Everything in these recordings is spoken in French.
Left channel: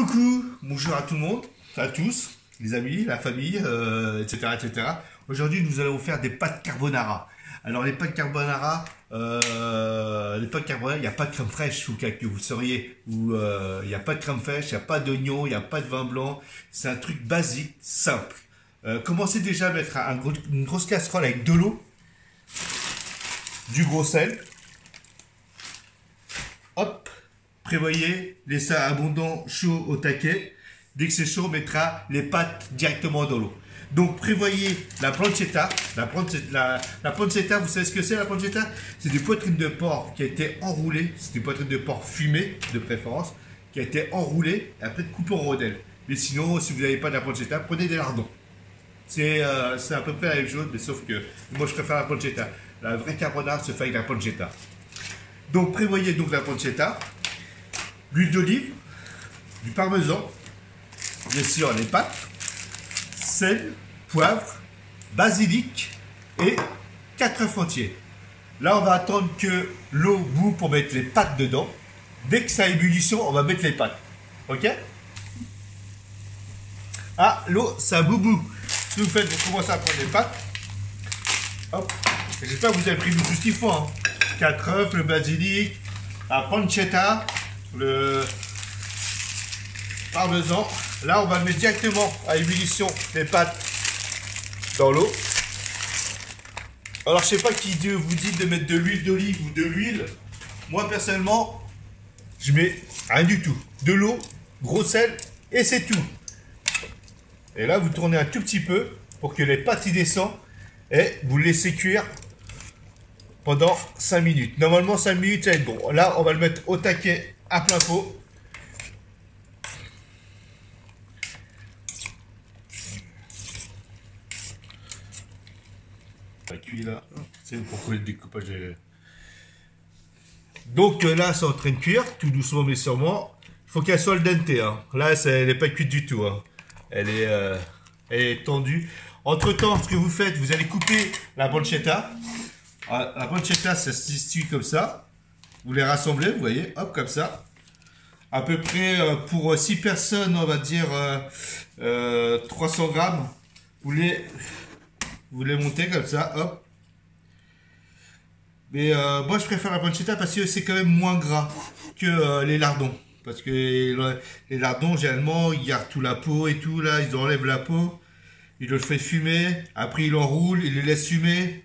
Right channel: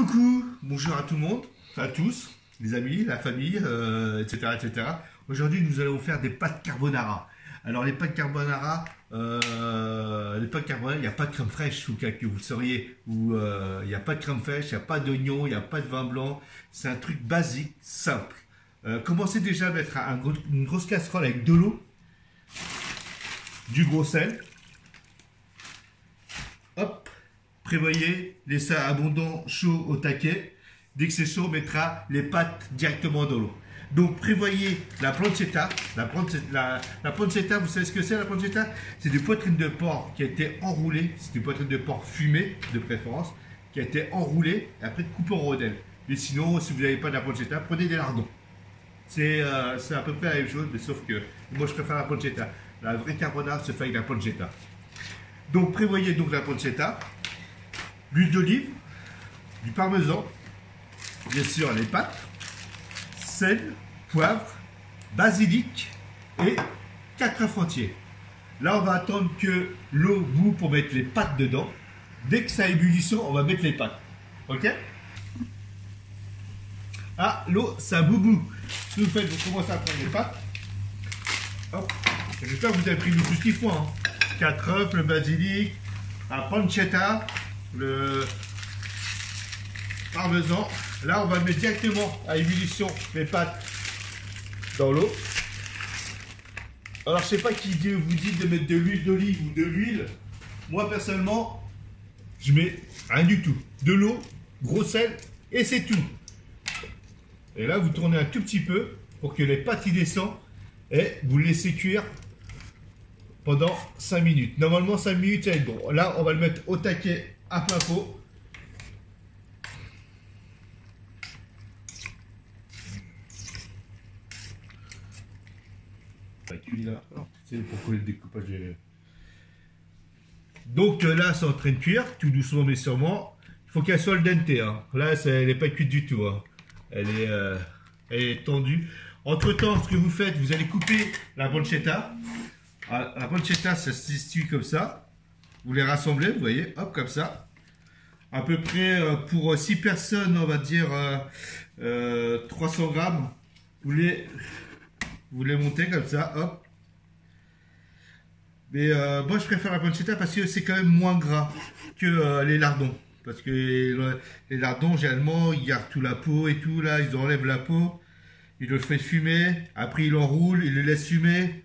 Coucou, bonjour à tout le monde, à tous, les amis, la famille, etc., etc. Aujourd'hui, nous allons faire des pâtes carbonara. Alors, les pâtes carbonara, il n'y a pas de crème fraîche, ou que vous sauriez, il n'y a pas de crème fraîche, il n'y a pas d'oignon, il n'y a pas de vin blanc. C'est un truc basique, simple. Commencez déjà à mettre une grosse casserole avec de l'eau, du gros sel. Hop. Prévoyez, laissez abondant, chaud au taquet. Dès que c'est chaud, on mettra les pâtes directement dans l'eau. Donc prévoyez la pancetta. La pancetta, vous savez ce que c'est la pancetta? C'est des poitrines de porc qui a été enroulées. C'est des poitrines de porc fumées de préférence, qui a été enroulées et après coupées en rondelles. Mais sinon, si vous n'avez pas de la pancetta, prenez des lardons. C'est à peu près la même chose, mais sauf que moi je préfère la pancetta. La vraie carbonara se fait avec la pancetta. Donc prévoyez donc la pancetta. L'huile d'olive, du parmesan, bien sûr les pâtes, sel, poivre, basilic et 4 œufs entiers. Là, on va attendre que l'eau bout pour mettre les pâtes dedans. Dès que ça a ébullition, on va mettre les pâtes. Ok? Ah, l'eau, ça boubou. Ce que vous faites, vous commencez à prendre les pâtes. Hop. J'espère que vous avez pris tout ce qu'il faut. Hein. 4 œufs, le basilic, la pancetta, le parmesan. Là, on va mettre directement à ébullition les pâtes dans l'eau. Alors, je sais pas qui vous dit de mettre de l'huile d'olive ou de l'huile. Moi, personnellement, je mets rien du tout. De l'eau, gros sel et c'est tout. Et là, vous tournez un tout petit peu pour que les pâtes y descendent et vous laissez cuire pendant 5 minutes. Normalement, 5 minutes, ça va être bon. Là, on va le mettre au taquet à plein pot. Ça cuit là. C'est pourquoi le découpage est... Donc là, c'est en train de cuire, tout doucement mais sûrement. Il faut qu'elle soit al dente. Hein. Là, elle n'est pas cuite du tout. Hein. Elle est tendue. Entre temps, ce que vous faites, vous allez couper la pancetta. La pancetta, ça se situe comme ça. Vous les rassemblez, vous voyez, hop, comme ça. À peu près pour 6 personnes, on va dire 300 grammes. Vous les montez comme ça, hop. Mais moi, je préfère la pancetta parce que c'est quand même moins gras que les lardons. Parce que les lardons, généralement, ils gardent tout la peau et tout, là, ils enlèvent la peau. Ils le font fumer, après ils l'enroulent, ils le laissent fumer.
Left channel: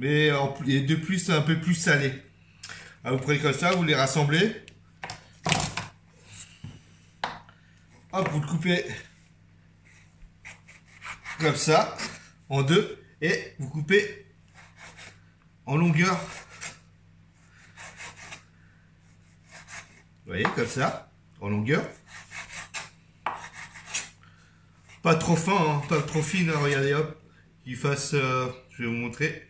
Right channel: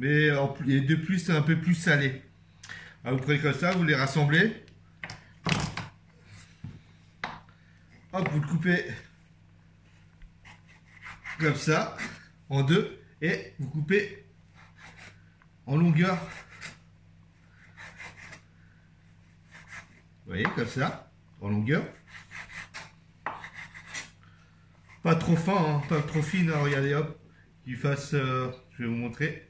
Mais de plus, c'est un peu plus salé. Alors, vous prenez comme ça, vous les rassemblez. Hop, vous le coupez comme ça, en deux. Et vous coupez en longueur. Vous voyez, comme ça, en longueur. Pas trop fin, hein, pas trop fine, hein, regardez, hop. Qu'il fasse, je vais vous montrer.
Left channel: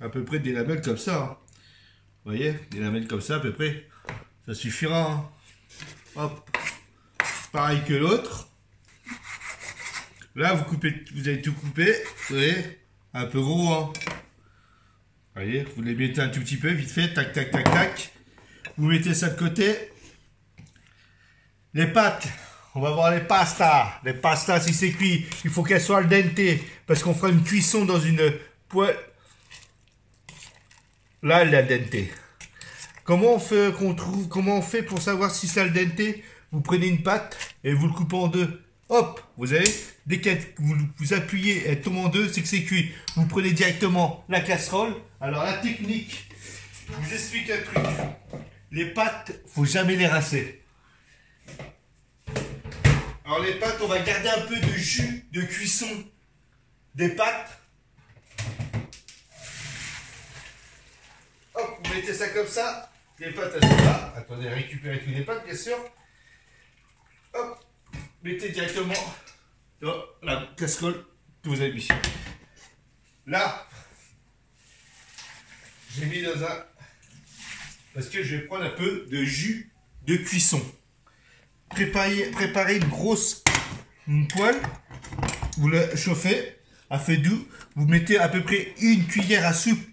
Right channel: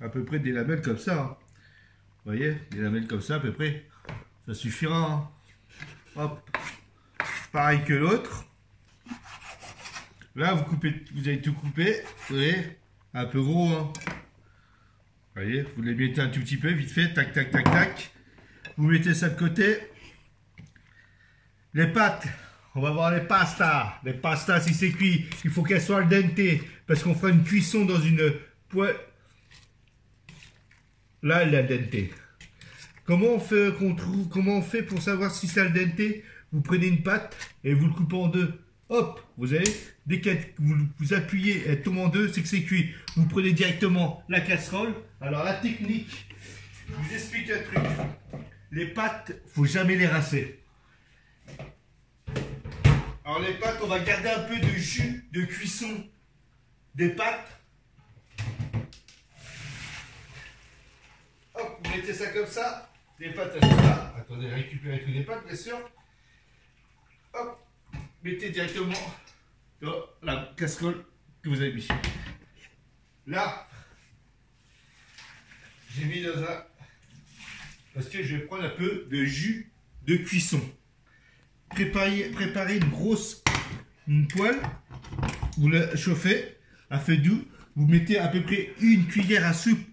À peu près des lamelles comme ça. Hein. Vous voyez, des lamelles comme ça à peu près. Ça suffira. Hein. Hop. Pareil que l'autre. Là, vous allez tout couper. Vous voyez, un peu gros. Hein. Vous voyez, vous les mettez un tout petit peu, vite fait. Tac, tac, tac, tac. Vous mettez ça de côté. Les pâtes. On va voir les pastas. Les pastas, si c'est cuit, il faut qu'elles soient al dente. Parce qu'on fera une cuisson dans une poêle. Là, elle est al dente. Comment on fait pour savoir si c'est al dente? Vous prenez une pâte et vous le coupez en deux. Hop, vous avez, dès que vous appuyez, elle tombe en deux, c'est que c'est cuit. Vous prenez directement la casserole. Alors la technique, je vous explique un truc. Les pâtes, faut jamais les rincer. Alors les pâtes, on va garder un peu de jus de cuisson des pâtes. Hop, vous mettez ça comme ça. Les pâtes, elles sont là. Attendez, récupérez tous les pâtes, bien sûr. Hop, mettez directement dans la casserole que vous avez mis. Là, j'ai mis dans un... Parce que je vais prendre un peu de jus de cuisson. Préparez une grosse poêle. Vous la chauffez à feu doux. Vous mettez à peu près une cuillère à soupe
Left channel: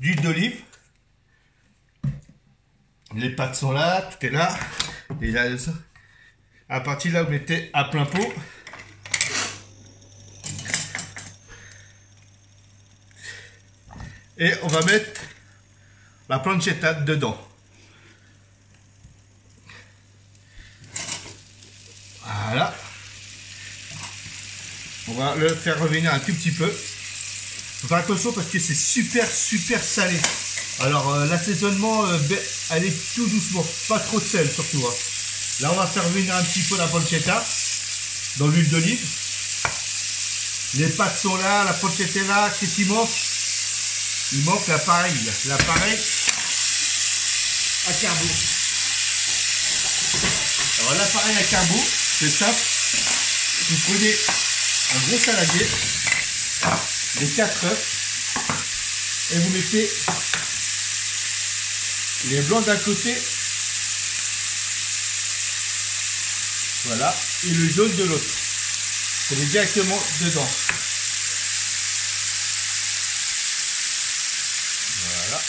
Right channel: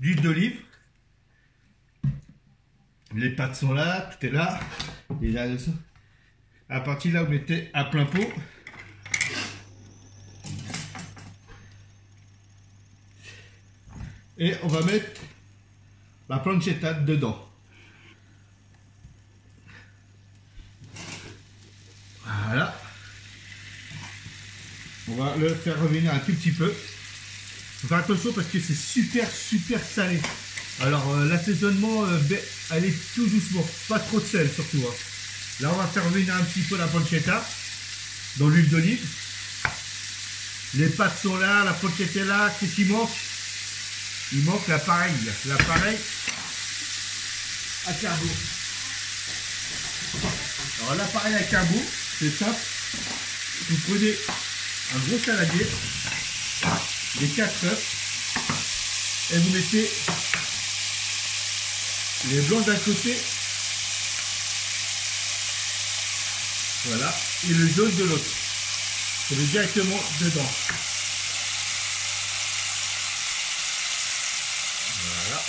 d'huile d'olive. Les pâtes sont là, tout est là. Et là, à partir de là, vous mettez à plein pot. Et on va mettre la pancetta dedans. Voilà. On va le faire revenir un tout petit peu. Faut faire attention parce que c'est super salé. Alors l'assaisonnement, allez tout doucement, pas trop de sel surtout. Hein. Là on va faire revenir un petit peu la pancetta dans l'huile d'olive. Les pâtes sont là, la pancetta est là. Qu'est-ce qu'il manque? Il manque l'appareil. L'appareil à carbo. Alors l'appareil à carbo, c'est simple. Vous prenez un gros saladier, les 4 œufs, et vous mettez les blancs d'un côté, voilà, et le jaune de l'autre. C'est directement dedans. Voilà.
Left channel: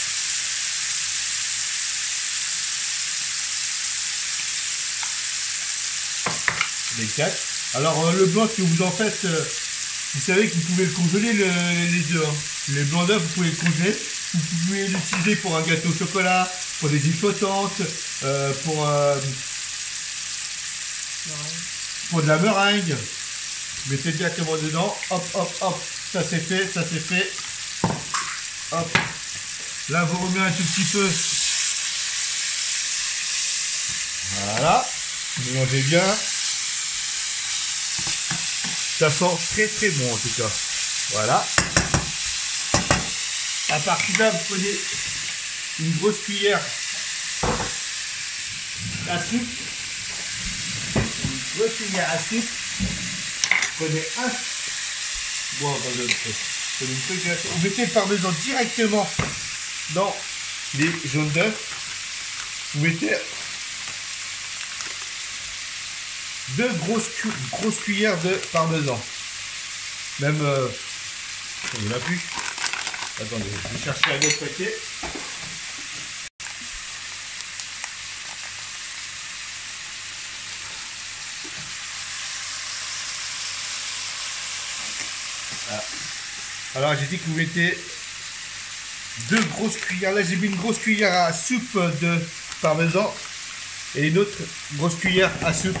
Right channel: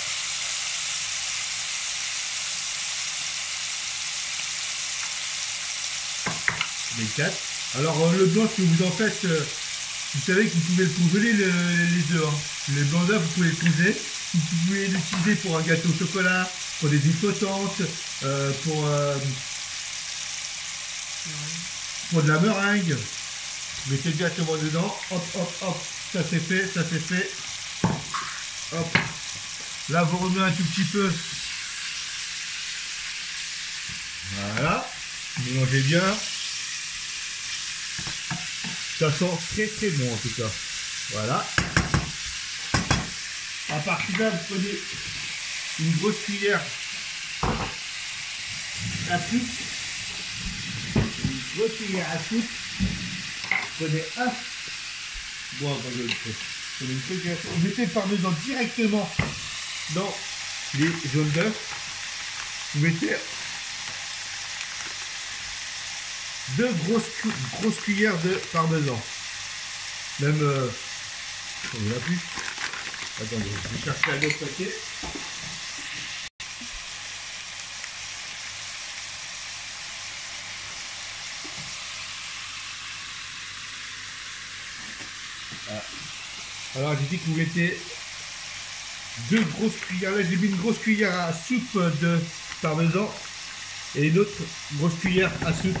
Les 4. Alors le blanc, si vous en faites, vous savez que vous pouvez le congeler les œufs. Hein. Les blancs d'œufs, vous pouvez le congeler. Vous pouvez l'utiliser pour un gâteau au chocolat, pour des huiles flottantes, pour de la meringue. Mettez directement dedans. Hop, hop, hop. Ça c'est fait, ça c'est fait. Hop. Là, vous remuez un tout petit peu. Voilà. Mélangez bien. Ça sent très bon en tout cas. Voilà. À partir de là, vous prenez une grosse cuillère à soupe. Une grosse cuillère à soupe. Prenez un. Bon, vous mettez le parmesan directement dans les jaunes d'œufs. Vous mettez 2 grosses cuillères de parmesan. Même il n'y en a plus. Attendez, je vais chercher un autre paquet. Voilà. Alors j'ai dit que vous mettez 2 grosses cuillères. Là j'ai mis une grosse cuillère à soupe de parmesan et une autre grosse cuillère à soupe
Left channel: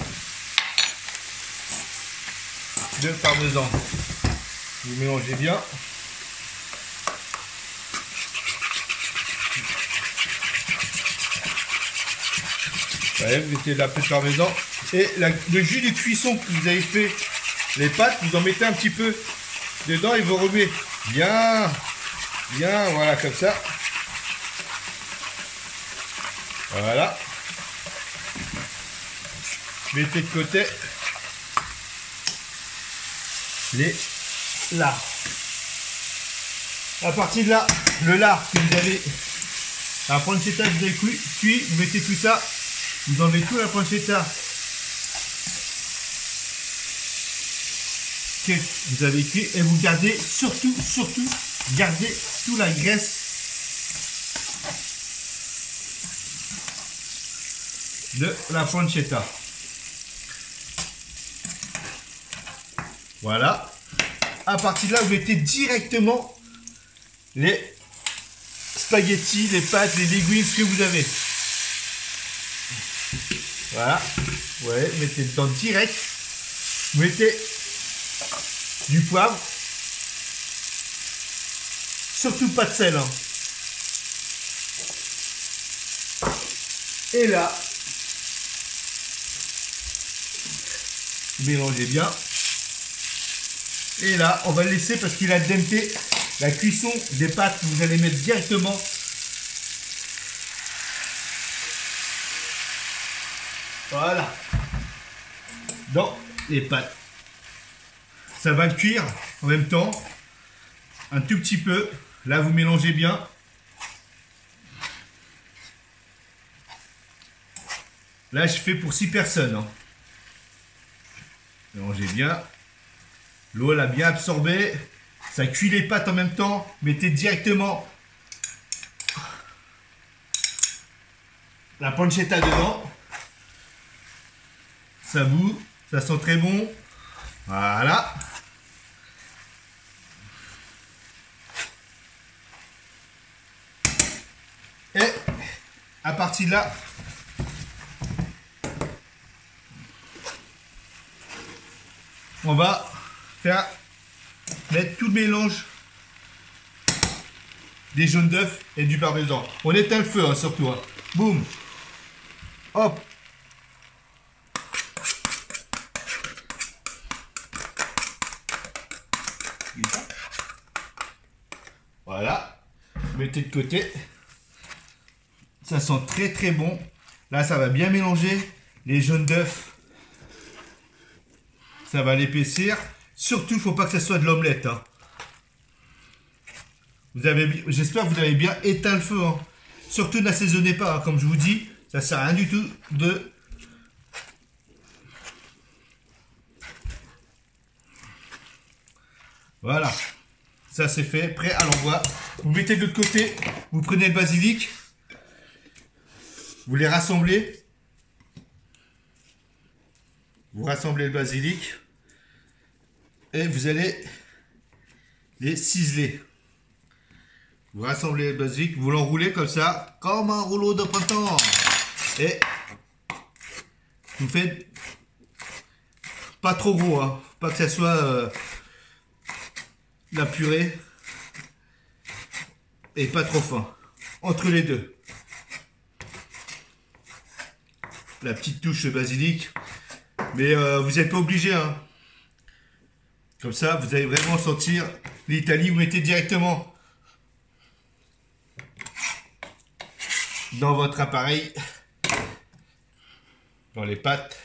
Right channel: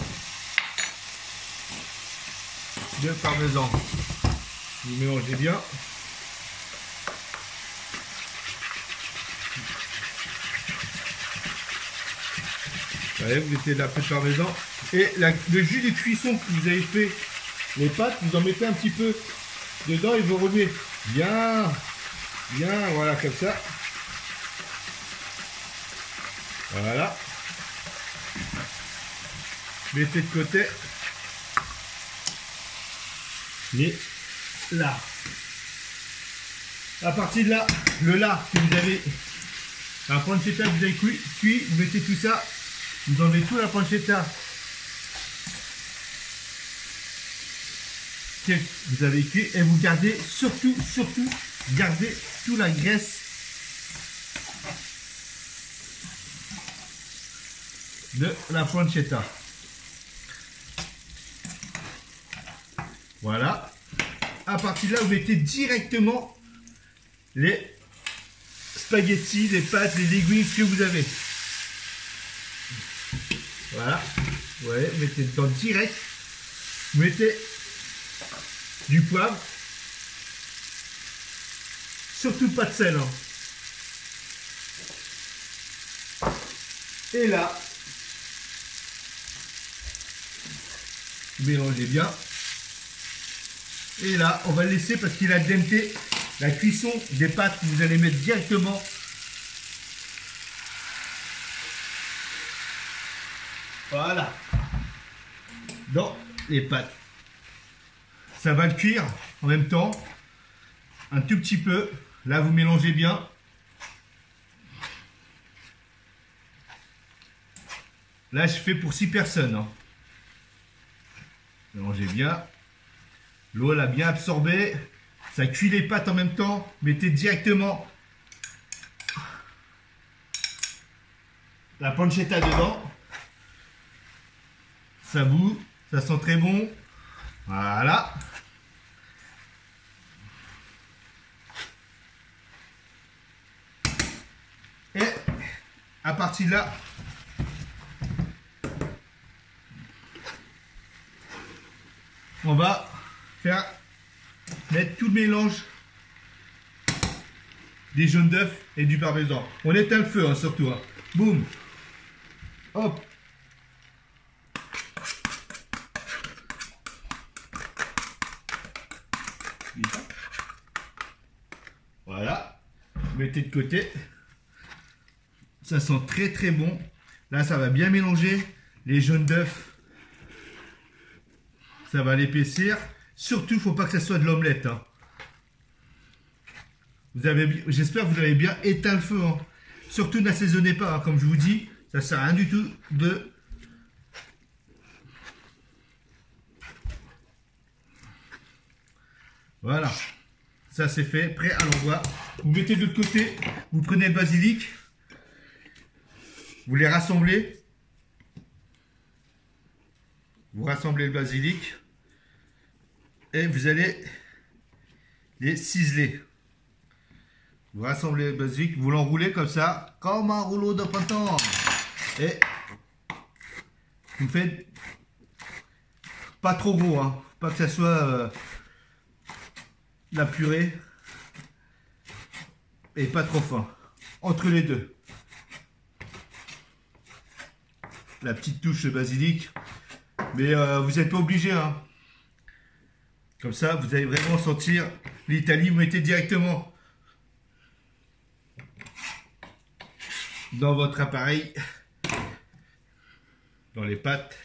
de parmesan. Vous mélangez bien. Ouais, vous mettez la peu de parmesan et le jus de cuisson que vous avez fait les pâtes, vous en mettez un petit peu dedans et vous remuez bien, voilà comme ça. Voilà. Mettez de côté les lards. À partir de là, le lard que vous avez, la pancetta que vous avez cuit, vous mettez tout ça, vous enlevez tout la pancetta que vous avez cuit et vous gardez surtout gardez toute la graisse de la pancetta. Voilà. À partir de là, vous mettez directement les spaghettis, les pâtes, les légumes, ce que vous avez. Voilà. Ouais, mettez dedans direct. Vous mettez du poivre. Surtout pas de sel. Hein. Et là, mélangez bien. Et là, on va le laisser parce qu'il a denté la cuisson des pâtes. Vous allez mettre directement voilà dans les pâtes. Ça va le cuire en même temps, un tout petit peu. Là, vous mélangez bien. Là, je fais pour 6 personnes. Hein. Mélangez bien. L'eau l'a bien absorbé. Ça cuit les pâtes en même temps. Mettez directement la pancetta dedans. Ça bout. Ça sent très bon. Voilà. Et à partir de là, on va mettre tout le mélange des jaunes d'œufs et du parmesan. On éteint le feu, hein, surtout. Hein. Boum. Hop. Voilà. Mettez de côté. Ça sent très très bon. Là, ça va bien mélanger les jaunes d'œufs. Ça va l'épaissir. Surtout, il ne faut pas que ça soit de l'omelette. Hein. J'espère que vous avez bien éteint le feu. Hein. Surtout, n'assaisonnez pas. Hein. Comme je vous dis, ça ne sert à rien du tout de... Voilà. Ça, c'est fait. Prêt à l'envoi. Vous mettez de l'autre côté. Vous prenez le basilic. Vous les rassemblez. Vous rassemblez le basilic. Et vous allez les ciseler. Vous rassemblez le basilic. Vous l'enroulez comme ça. Comme un rouleau de printemps. Et vous faites pas trop gros. Hein. Pas que ça soit la purée. Et pas trop fin. Entre les deux. La petite touche de basilic. Mais vous n'êtes pas obligé. Hein. Comme ça, vous allez vraiment sentir l'Italie. Vous mettez directement dans votre appareil, dans les pâtes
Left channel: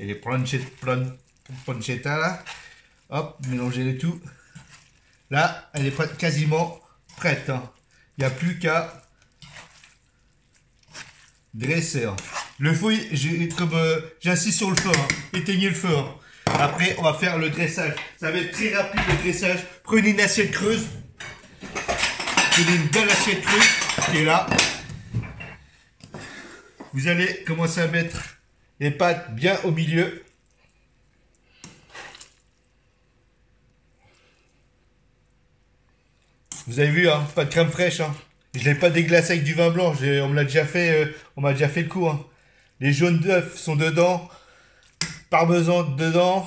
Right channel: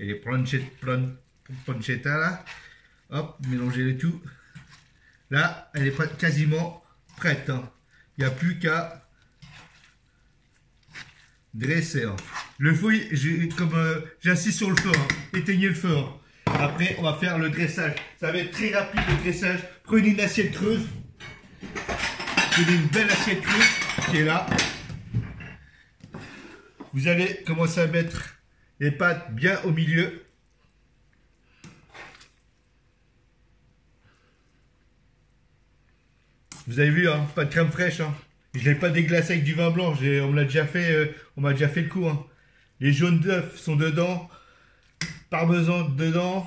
et les pancetta là. Hop, mélangez le tout. Là, elle est quasiment prête. Hein. Il n'y a plus qu'à dresser. Hein. Le feu, comme j'insiste sur le feu, hein. Éteignez le feu. Hein. Après, on va faire le dressage. Ça va être très rapide le dressage. Prenez une assiette creuse. Prenez une belle assiette creuse qui est là. Vous allez commencer à mettre les pâtes bien au milieu. Vous avez vu, hein, pas de crème fraîche. Hein. Je ne l'ai pas déglacé avec du vin blanc. On m'a déjà fait le coup. Hein. Les jaunes d'œufs sont dedans. Parmesan dedans.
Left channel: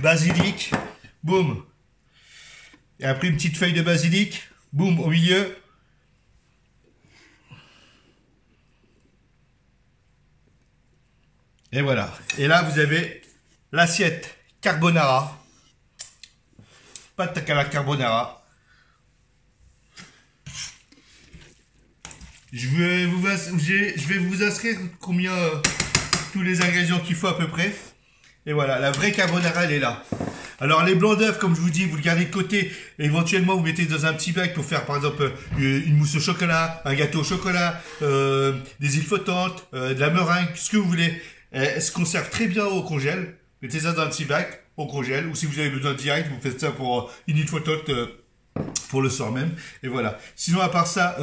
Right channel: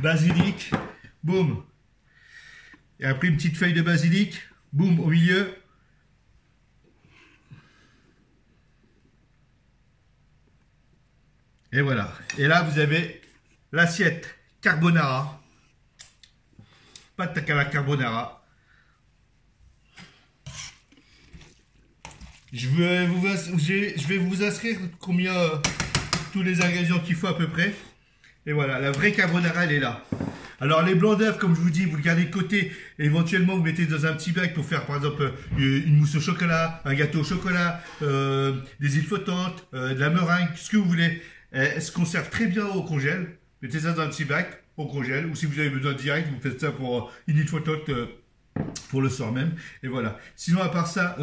Basilic. Boum. Et après une petite feuille de basilic. Boum au milieu. Et voilà. Et là, vous avez l'assiette carbonara. Pâte à la carbonara. Je vais vous inscrire combien tous les ingrédients qu'il faut à peu près. Et voilà, la vraie carbonara, elle est là. Alors les blancs d'œufs, comme je vous dis, vous le gardez de côté. Éventuellement, vous mettez dans un petit bac pour faire par exemple une mousse au chocolat, un gâteau au chocolat, des îles flottantes, de la meringue, ce que vous voulez. Elle se conserve très bien au congèle. Mettez ça dans un petit bac, au congèle. Ou si vous avez besoin direct, vous faites ça pour une île flottante pour le soir même. Et voilà. Sinon, à part ça...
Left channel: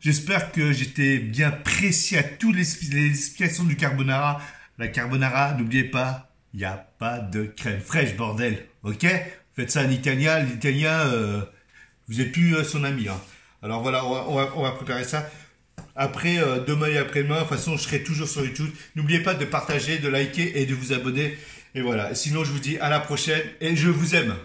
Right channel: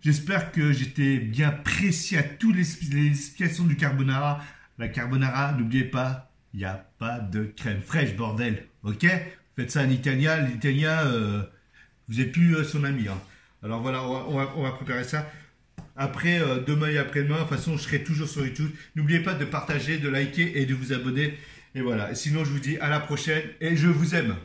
j'espère que j'étais bien précis à toutes les explications du carbonara. La carbonara, n'oubliez pas, il n'y a pas de crème fraîche, bordel. Ok? Faites ça en italien. L'italien, vous n'êtes plus son ami. Hein. Alors voilà, on va préparer ça. Après, demain et après-demain, de toute façon, je serai toujours sur YouTube. N'oubliez pas de partager, de liker et de vous abonner. Et voilà. Et sinon, je vous dis à la prochaine et je vous aime.